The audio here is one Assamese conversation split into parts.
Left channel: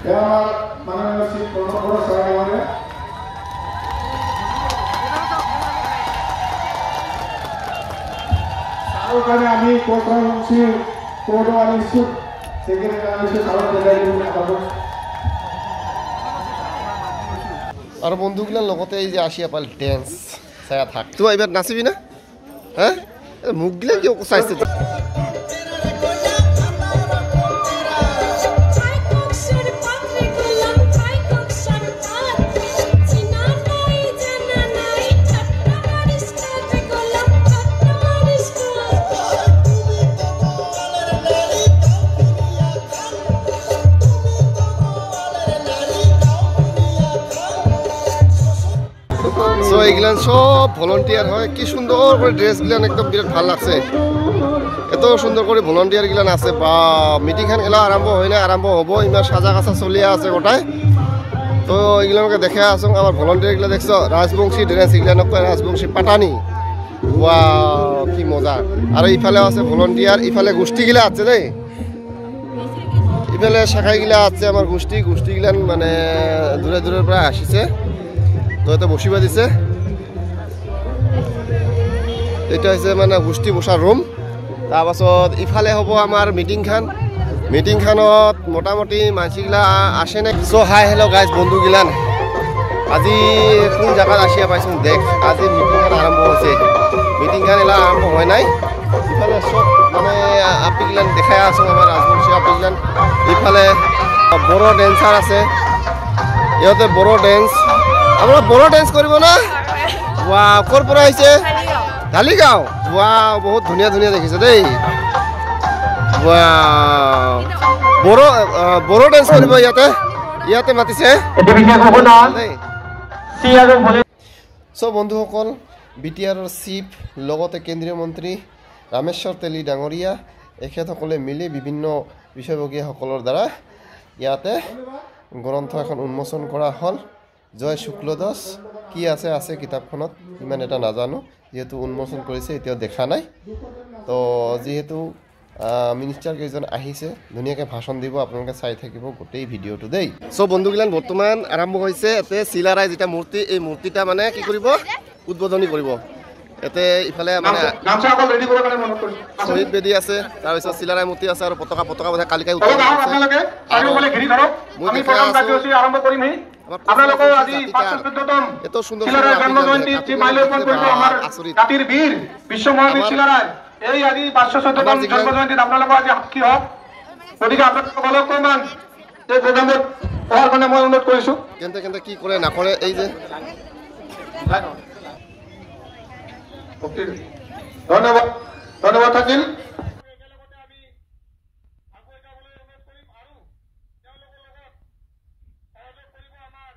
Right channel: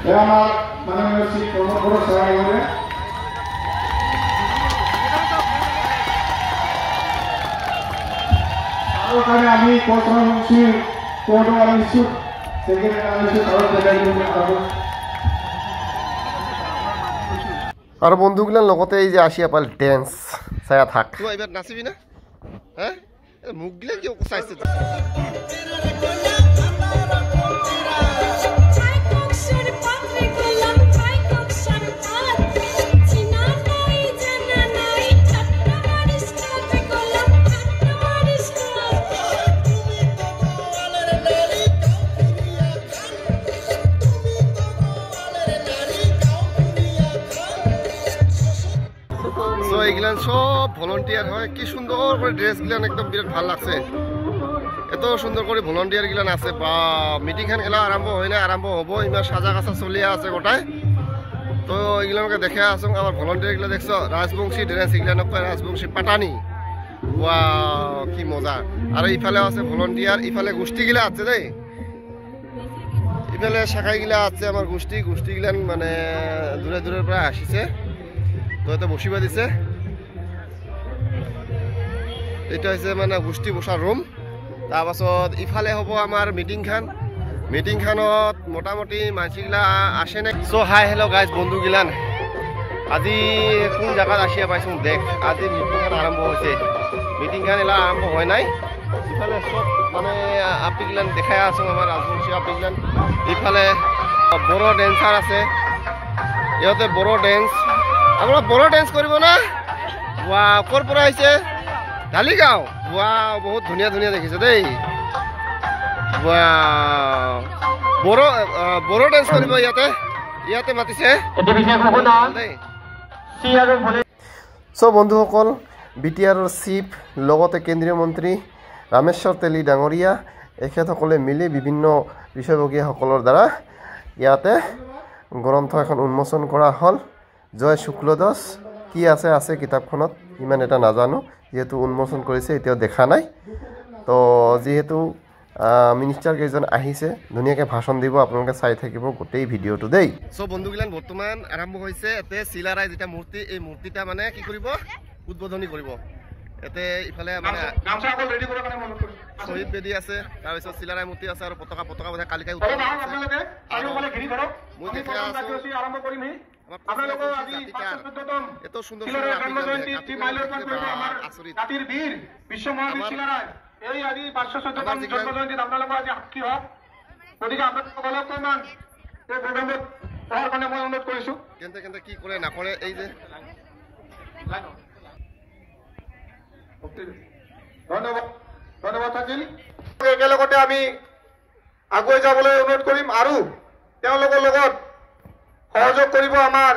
আমার মাননীয় শ্রী প্রমোদ সাহেব ওখানে আমি কোটরামুখী কোটওয়ালি সুট সেক্রেটারি আনিসু সারা দেখাই আর বন্ধুগুলার লগতে এই যে আসিয়া পাল ড্যান্স ছায়া থাক তো এবার নাচিবি না হ্যাঁ মুখগুলা কি চাইছে সো এইগুলান সব ভলান্টিয়ার হয় কি সুন্দর করে ড্রেসগুলান একদম বিরাট ভাল লাগছে এত সুন্দর করে ভলান্টিয়ার গুলান আছে বা মিটিং খান এলা আরম্ভ হয় না আরম্ভ হব ইমান সাজা কাছা চলিয়া আছে গোটাই তো এইগুলানকে দেখে আসো আমার ভলান্টিয়ার গুলা দেখছো রাজবংশী ড্রেস এগুলানক কয় রাজবংশী পাটানি ওয়া কি মজা আর ইফালে আছে ভলান্টিয়ার ইফালে গোষ্ঠী গিলা আছে দেই ইফালে শাখাই গিলা আছে আমার গোষ্ঠী গিলান মানে দূরে দূরের পৰা আসিছে তো এটা বসিবা দিছে এটা হচ্ছে মানে গোষ্ঠী বসাৰ ৰুম তাৰপাছত ইফালে হ'ব আমাৰ মিটিং খানত মোটামুটি মানসিগিলা আসে না সো হাই হেল্ল' গাইজ বন্ধুগিলান আজি কোন জায়গাত আসিয়া পাইছোঁ দেখ আজি মিটিং খান আৰম্ভ হৈছে মিটিং খান এলা আৰম্ভ হয় নাই ইফালে সব মানে আপিগিলান দেখাই আছোঁ আমাৰ ৰাজবংশী আপিগিলান ইফালে বড়ো ডেন্সাৰ আছে ইহঁতে বড়ো ডেন্স আমৰা বড় ড্যান্স কৰব না ওয়া কোৰ পৰা আইছে ঢালিগাঁও ওয়া বহুত ধুনিয়া ধুনিয়া দেখিছে দেই ওয়া বড় ড্যান্স করব ইয়াতে মাতিছে সো বন্ধুসকল বিটিআৰৰ চিফ লগতে কেন্দ্ৰীয় মন্ত্ৰী ৰামেশ্বৰ তেলী ডাঙৰীয়া এখেতসকলে মিলি বিভিন্ন বিষয়ববীয়াসকলৰ দ্বাৰা ইয়াতে গ্ৰন্থ এখন উন্মোচন কৰা হ'ল জয় শুক্লদাস কি আছে কিতাপখনত ইমান এটা নাজানো যেহেতু উন্মোচন কৰিছে এতিয়াও দেখা নাই তো যেহেতু মিনিষ্টাৰ কেইজন আহিছে ধুনীয়াকৈ ভাষণ দিব আপোনালোকে চাই থাকিব গোটেই ভিডিঅ'টো দেই সো বন্ধুগিলান বৰ্তমান আৰম্ভ হৈছে এতে চিলাৰাই যেটা মূৰ্তি এই মূৰ্তিটা মানে কি কৰিব উদ্বোধনী কৰিব এতে ইফালে মানে শহীদ বেদী আছে তাৰপিছত চিলাৰাই মূৰ্তি আছে আৰু পতাকা বোধা কালিকাই উত্তোলন কৰিছে আপোনালোক আজি ৫১৪তম চিলাৰায় জন্ম জয়ন্তী মাইলপন কৰিব আমাৰ জাতিৰ বীৰ বিশ্ব মহাবীৰ চিলাৰায় এই আজি ৫১৪তম জন্ম জয়ন্তীত আপোনালোক আজি সাক্ষী হওক গতিকে আপোনালোক অকণমান এই প্ৰগ্ৰামত অহাৰ কাৰণে মই অনুৰোধ কৰিছোঁ কেন্দ্ৰে কি কৰে নকৰে এই যে ধন্যবাদ থাকিল একেলগতে আমি আগুৱাই যাবলৈ অনুৰোধ কৰিম আৰু তেওঁলোকৰ লগত সহযোগ কৰিব আমাৰ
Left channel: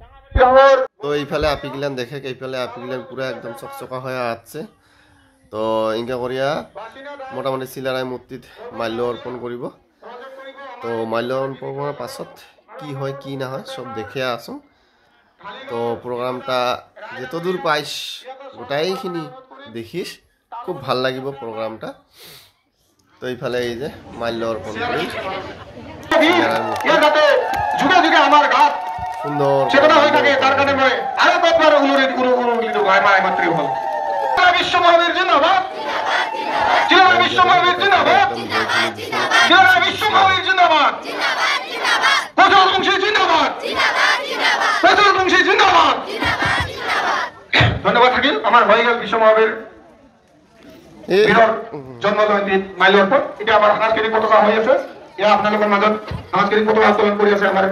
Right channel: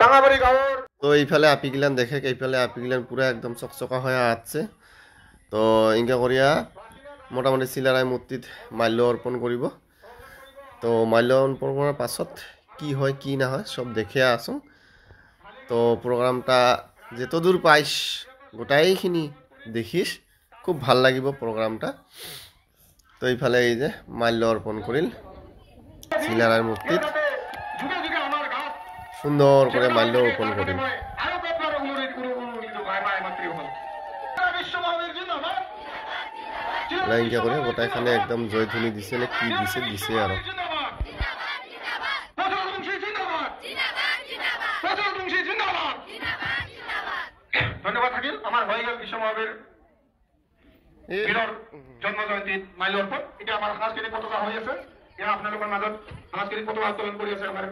ডাঙাবাৰী গাঁৱৰ তো এইফালে আপিগিলান দেখে এইফালে আপিগিলান পুরা একদম চকচকা হয়ে আছে তো ইনকা করিয়া মোটামুটি চিলারাই মূর্তিত মাল্য অর্পণ করব তো মাল্য অর্পণ করার পাছত কি হয় কি না হয় সব দেখে আসো তো প্রোগ্রামটা যতদূর পাইস গোটাইখিনি দেখিস খুব ভাল লাগিব প্রোগ্রামটা তো এইফালে এই যে মাল্য অর্পণ করি চিলারাই মূর্তি সুন্দর করে মাল্য ধন্যবাদ থাকিল আমার হয়ে গেল বিশ্ব মহাবীর জন্ম জয়ন্তী মাইল অর্পণ এটা আমার সাংস্কৃতিক পতাকা হয়ে আছে এয়া আপনাদের মাজত সাংস্কৃতিক পতাকা উত্তোলন কৰি আছে আমার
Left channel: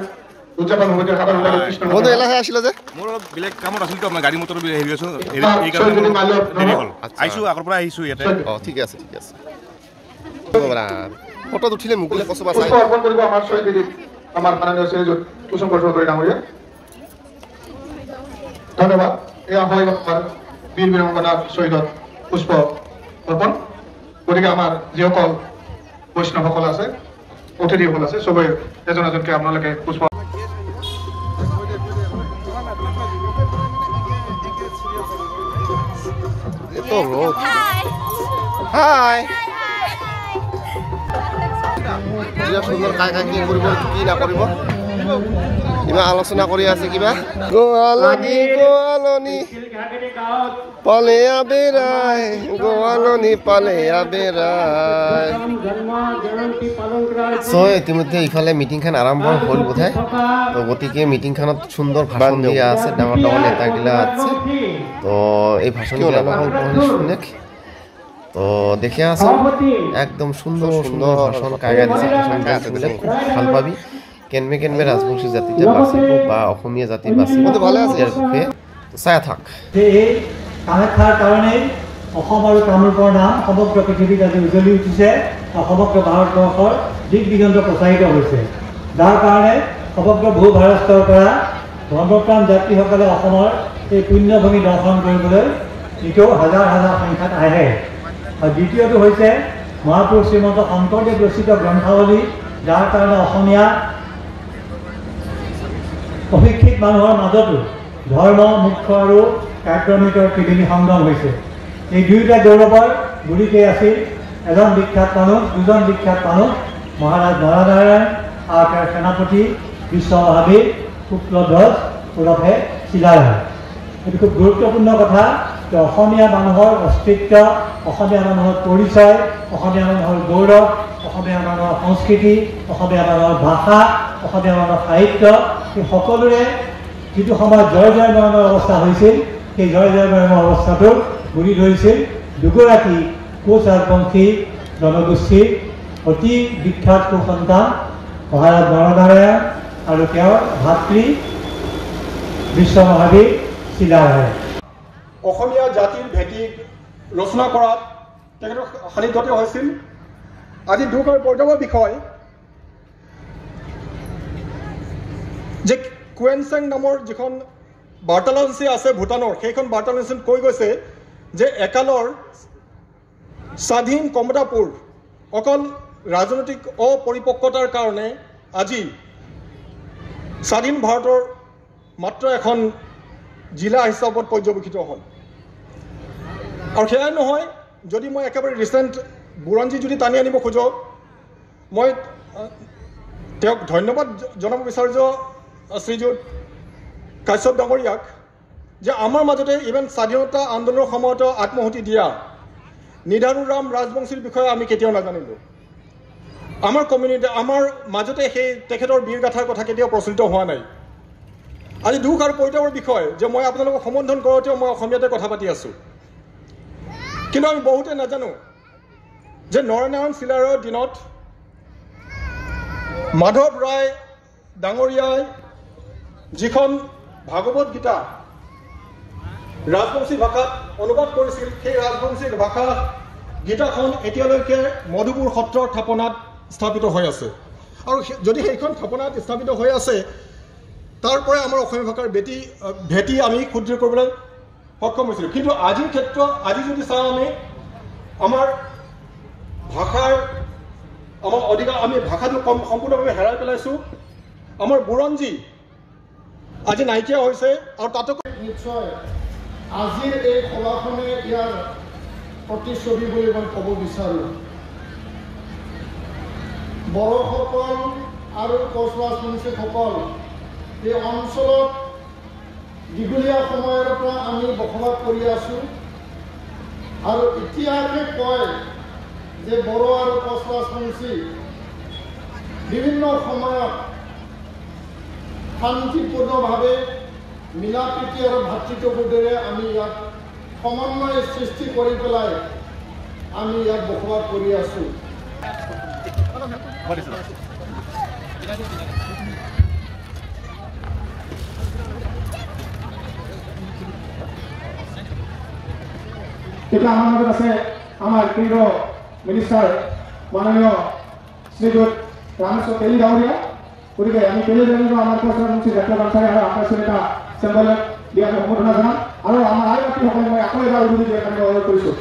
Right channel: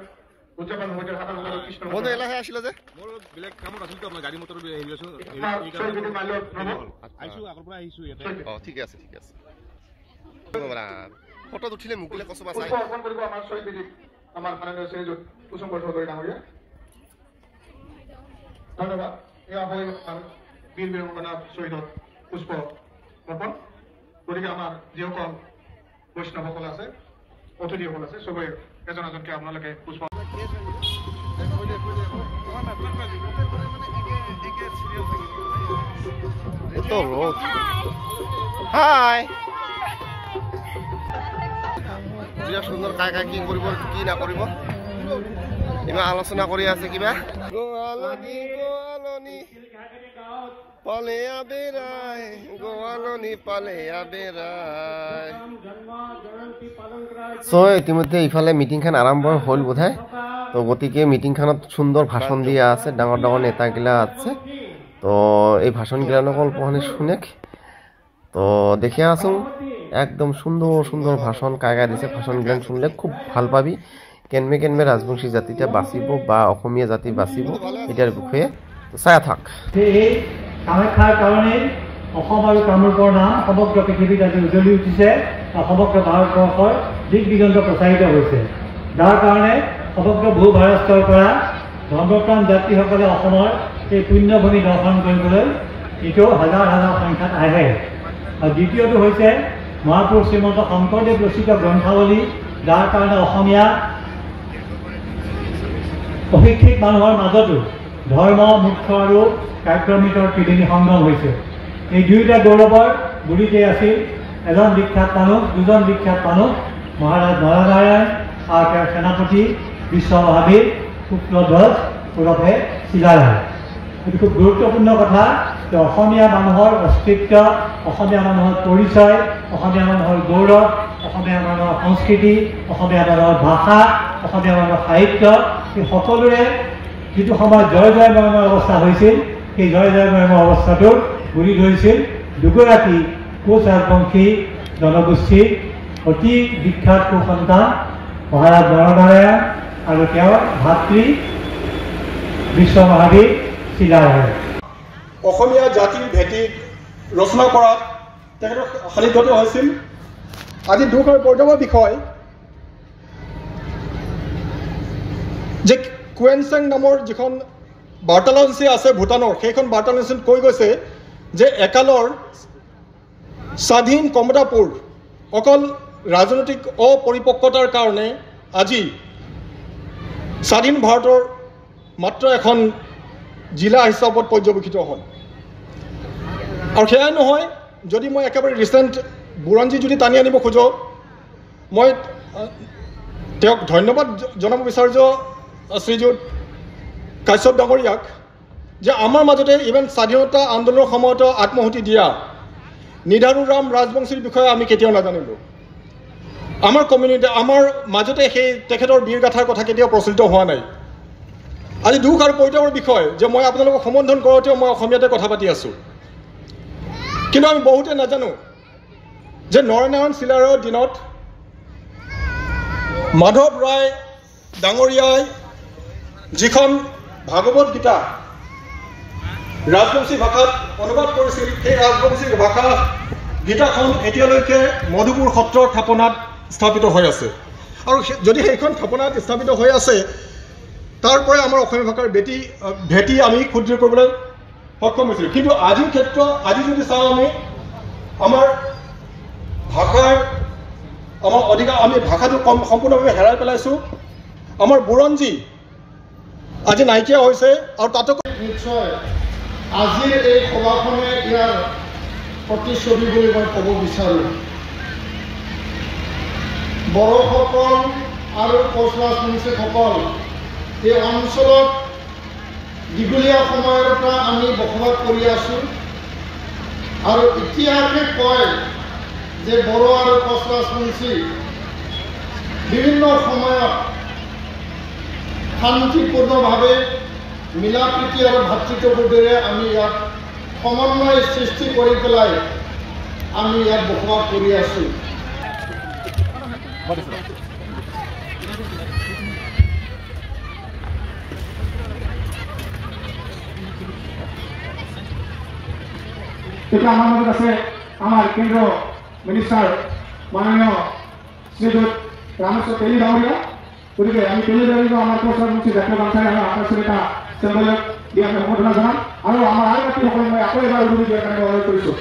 উদযাপন হতে সাধারণ কৃষ্ণ বন্ধু এলাহে আসিল যে মোর বেলেগ কামত আছিল তো গাড়ী মটৰ হেৰি আছো এই কাৰণে আইছো আগৰ পৰা আহিছো ইয়াতে ঠিক আছে ফটো উঠিলে মুকলে কসবা চাই অৰ্পণ কৰিব আমাৰ শহীদ আমাৰ মাননীয় শ্ৰী কুসুম চৌধুৰী ডাঙৰীয়া ধন্যবাদ এয়া হয় আমাৰ বীৰ বীৰাংগনা শহীদত পুষ্প অৰ্পণ গতিকে আমাৰ যিসকল বৈষ্ণৱসকল আছে অতিথিসকল আছে সবে এজন এজনকে আপোনালোকে পুষ্প এত ৰোদ হাই বিৰাট সুন্দৰ কাই কি কৰিব কি নকৰিব ইমান আলোচনা কৰি আছে কিবা গোৱালনি গোৱালনি পালে আবেৰাই গোৱালনি পালে আবেৰাই ইতিমধ্যে ইফালে মিটিংখন আৰম্ভ হ'ল বোধহয় তো গতিকে মিটিংখনত সুন্দৰ ভাষণ দিয়া আছে ডাঙৰ ডাঙৰ নেতাগিলা আছে তো এই ভাষণগিলা অকল শুনে তো দেখে আছো একদম সুন্দর সুন্দর ভাষণ কাগা দিছে ভাষণগিলা শুনিলে খুব ভাল পাবি কেনবে রাজবংশী জাতিটা বাঁচিব বা অসমীয়া জাতি বাঁচিব ইয়াৰ বিষয়ে চাই থাক এই কামাখ্যাৰ কাৰণে অসম আৰু কামৰূপৰ নাম সমগ্ৰ পৃথিৱীত আজি উজ্বলি উঠিছে সমগ্ৰ ভাৰতবৰ্ষৰ দিক দিগন্ত প্ৰচাৰিত হৈছে যাৰ কাৰণে সমগ্ৰ ভূ ভাৰতৰ পৰা ধৰ্মপ্ৰাণ যাত্ৰীসকলে অসমৰ এই পুণ্যভূমি দৰ্শন কৰিবলৈ এতিয়াও হাজাৰ হাজাৰ সংখ্যাত আহে আৰু দ্বিতীয়টো হৈছে মহাপুৰুষ শ্ৰীমন্ত শংকৰদেৱ ৰচিত গ্ৰন্থাৱলী যাৰ কাৰণে অসমীয়া অশিক্ষিত মানুহৰ মাজতো ধৰ্ম মুখ্য আৰু কাব্যনীতৰ ত্ৰিবেণী সংগম হৈছে এই দুয়োটা গৌৰৱৰ গুৰিতেই আছিল এজন বিখ্যাত মানুহ দুজন বিখ্যাত মানুহ মহাৰাজ নৰনাৰায়ণ আৰু তেওঁৰ সেনাপতি বিশ্ব মহাবীৰ শুক্লধ্বজ ওৰফে চিলাৰায় এইটো খুব গুৰুত্বপূৰ্ণ কথা যে অসমীয়া মানুহৰ অস্তিত্ব অসমীয়া মানুহৰ পৰিচয় অসমীয়া মানুহৰ গৌৰৱ অসমীয়া মানুহৰ সংস্কৃতি অসমীয়া মানুহৰ ভাষা অসমীয়া মানুহৰ সাহিত্য এই সকলোৰে যিটো সময়ত জয় জয়ময়মৰ অৱস্থা হৈছিল সেই জয় জয়ময়মৰ অৱস্থাটো গুৰি ধৰিছিল দুগৰাকী কোচ ৰাজবংশী জনগোষ্ঠীৰ অতি বিখ্যাত সুসন্তান মহাৰাজ নৰনাৰায়ণ আৰু তেওঁৰ ভাতৃ বিশ্ব মহাবীৰ চিলাৰায় অসমীয়া জাতিৰ ভেটি ৰচনা কৰাত তেখেতৰ সান্নিধ্যত হৈছিল আজি দুখ আৰু পৰিতাপৰ বিষয় যে কুৱেনচেং নামৰ যিখন বাৰ্তালাপসূচী আছে ভূটানৰ সেইখন বাৰ্তালাপসূচীত কৈ গৈছে যে একালৰ স্বাধীন কমতাপুৰ অকল ৰাজনৈতিক অপৰিপক্কতাৰ কাৰণে আজি স্বাধীন ভাৰতৰ মাত্ৰ এখন জিলা হিচাপত পৰ্যবেক্ষিত হ'ল আৰু সেয়াই নহয় যদি মই একেবাৰে ৰিচেণ্ট বুৰঞ্জী যদি টানি আনিব খোজোঁ মই তেওঁক ধন্যবাদ জনাব বিচাৰিছোঁ শ্ৰীযুত কাশ্যপ ডাঙৰীয়াক যে আমাৰ মাজতে ইভেন স্বাধীনতা আন্দোলনৰ সময়তো আত্মহুতি দিয়া নিধাৰুৰাম ৰাজবংশীৰ বিষয়ে আমি কেতিয়াও নাজানিলোঁ আমাৰ কমিউনিটি আমাৰ মাজতে সেই তেখেতৰ বীৰগাথাৰ কথা কেতিয়াও প্ৰচলিত হোৱা নাই আজি দুখ আৰু পৰিতাপৰ বিষয় যে মই আপোনালোকক সম্বোধন কৰোঁতেও মই অসমীয়াতে কথা পাতি আছোঁ কিন্তু আমি বহুতে নাজানো যে নৰনাৰায়ণ চিলাৰায়ৰ দিনত মাধৱ ৰায় ডাঙৰীয়াই যিখন ভাগৱত গীতা ৰাজবংশী ভাষাত অনুবাদ কৰিছিল সেই ৰাজবংশী ভাষা গীতাখন এতিয়ালৈকে মধুপুৰ সত্ৰৰ থাপনাত স্থাপিত হৈ আছে আৰু যদি সেইখন থাপনাত স্থাপিত হৈ আছে তাৰ পৰাই আমাৰ অসমীয়া ভাষাৰ ভেটি আমি সুদৃঢ় কৰিবলৈ সক্ষম হৈছিলোঁ কিন্তু আজিৰ ক্ষেত্ৰত আজি যদি চাওঁ আমি আমাৰ ভাষাৰ আমাৰ অধিকাৰ আমি ভাষাটো সম্পূৰ্ণভাৱে হেৰাই পেলাইছোঁ আমাৰ বুৰঞ্জী আজি নাইকিয়া হৈছে আৰু তাতোকৈ নিশ্চয় আজিৰ এই সভাখনে ইয়াৰ প্ৰতিচ্ছবি বুলি মই ক'ব বিচাৰোঁ বড়োসকল আৰু কোচ ৰাজবংশীসকল এই অঞ্চলত দীঘলীয়া সময়ৰ পৰা আমি বসবাস কৰি আছোঁ আৰু ইতিহাসে কয় যে বড়ো আৰু কোচ ৰাজবংশী বিভিন্ন সময়ত শান্তিপূৰ্ণভাৱে মিলা প্ৰীতি আৰু ভাতৃত্ববোধেৰে আমি ইয়াত সমন্বয় সৃষ্টি কৰি পেলাই আমি ইয়াত বসবাস কৰি আছোঁ এতিয়া আমাৰ লগত আছে আমাৰ কেন্দ্ৰীয় মিনিষ্টাৰ মাননীয় শ্ৰীযুত ৰামেশ্বৰ তেলী ডাঙৰীয়া গতিকে আমি তেলী ডাঙৰীয়া আমাৰ কোচ ৰাজবংশী জাতীয় গামোচাৰে আৰু আকাশৰ এটা চেম্বলক দিয়াৰ সম্বোধনা জনাম আৰু আমাৰ আই ব্যক্তিসকলক মই আকৌ এবাৰ উদুৰি দিয়াৰ কাৰণে অনুৰোধ কৰিছোঁ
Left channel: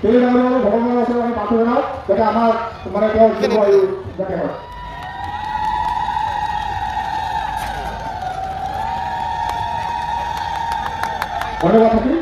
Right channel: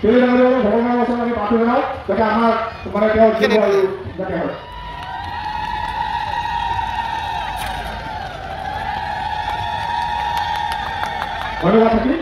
তেলী ডাঙৰীয়া আৰু ভগৱানৰ ওচৰত আমি প্ৰাৰ্থনা জনাওঁ যাতে আমাৰ মানে তেওঁৰ জীৱ আৰু যাতে হয় ধন্যবাদ থাকি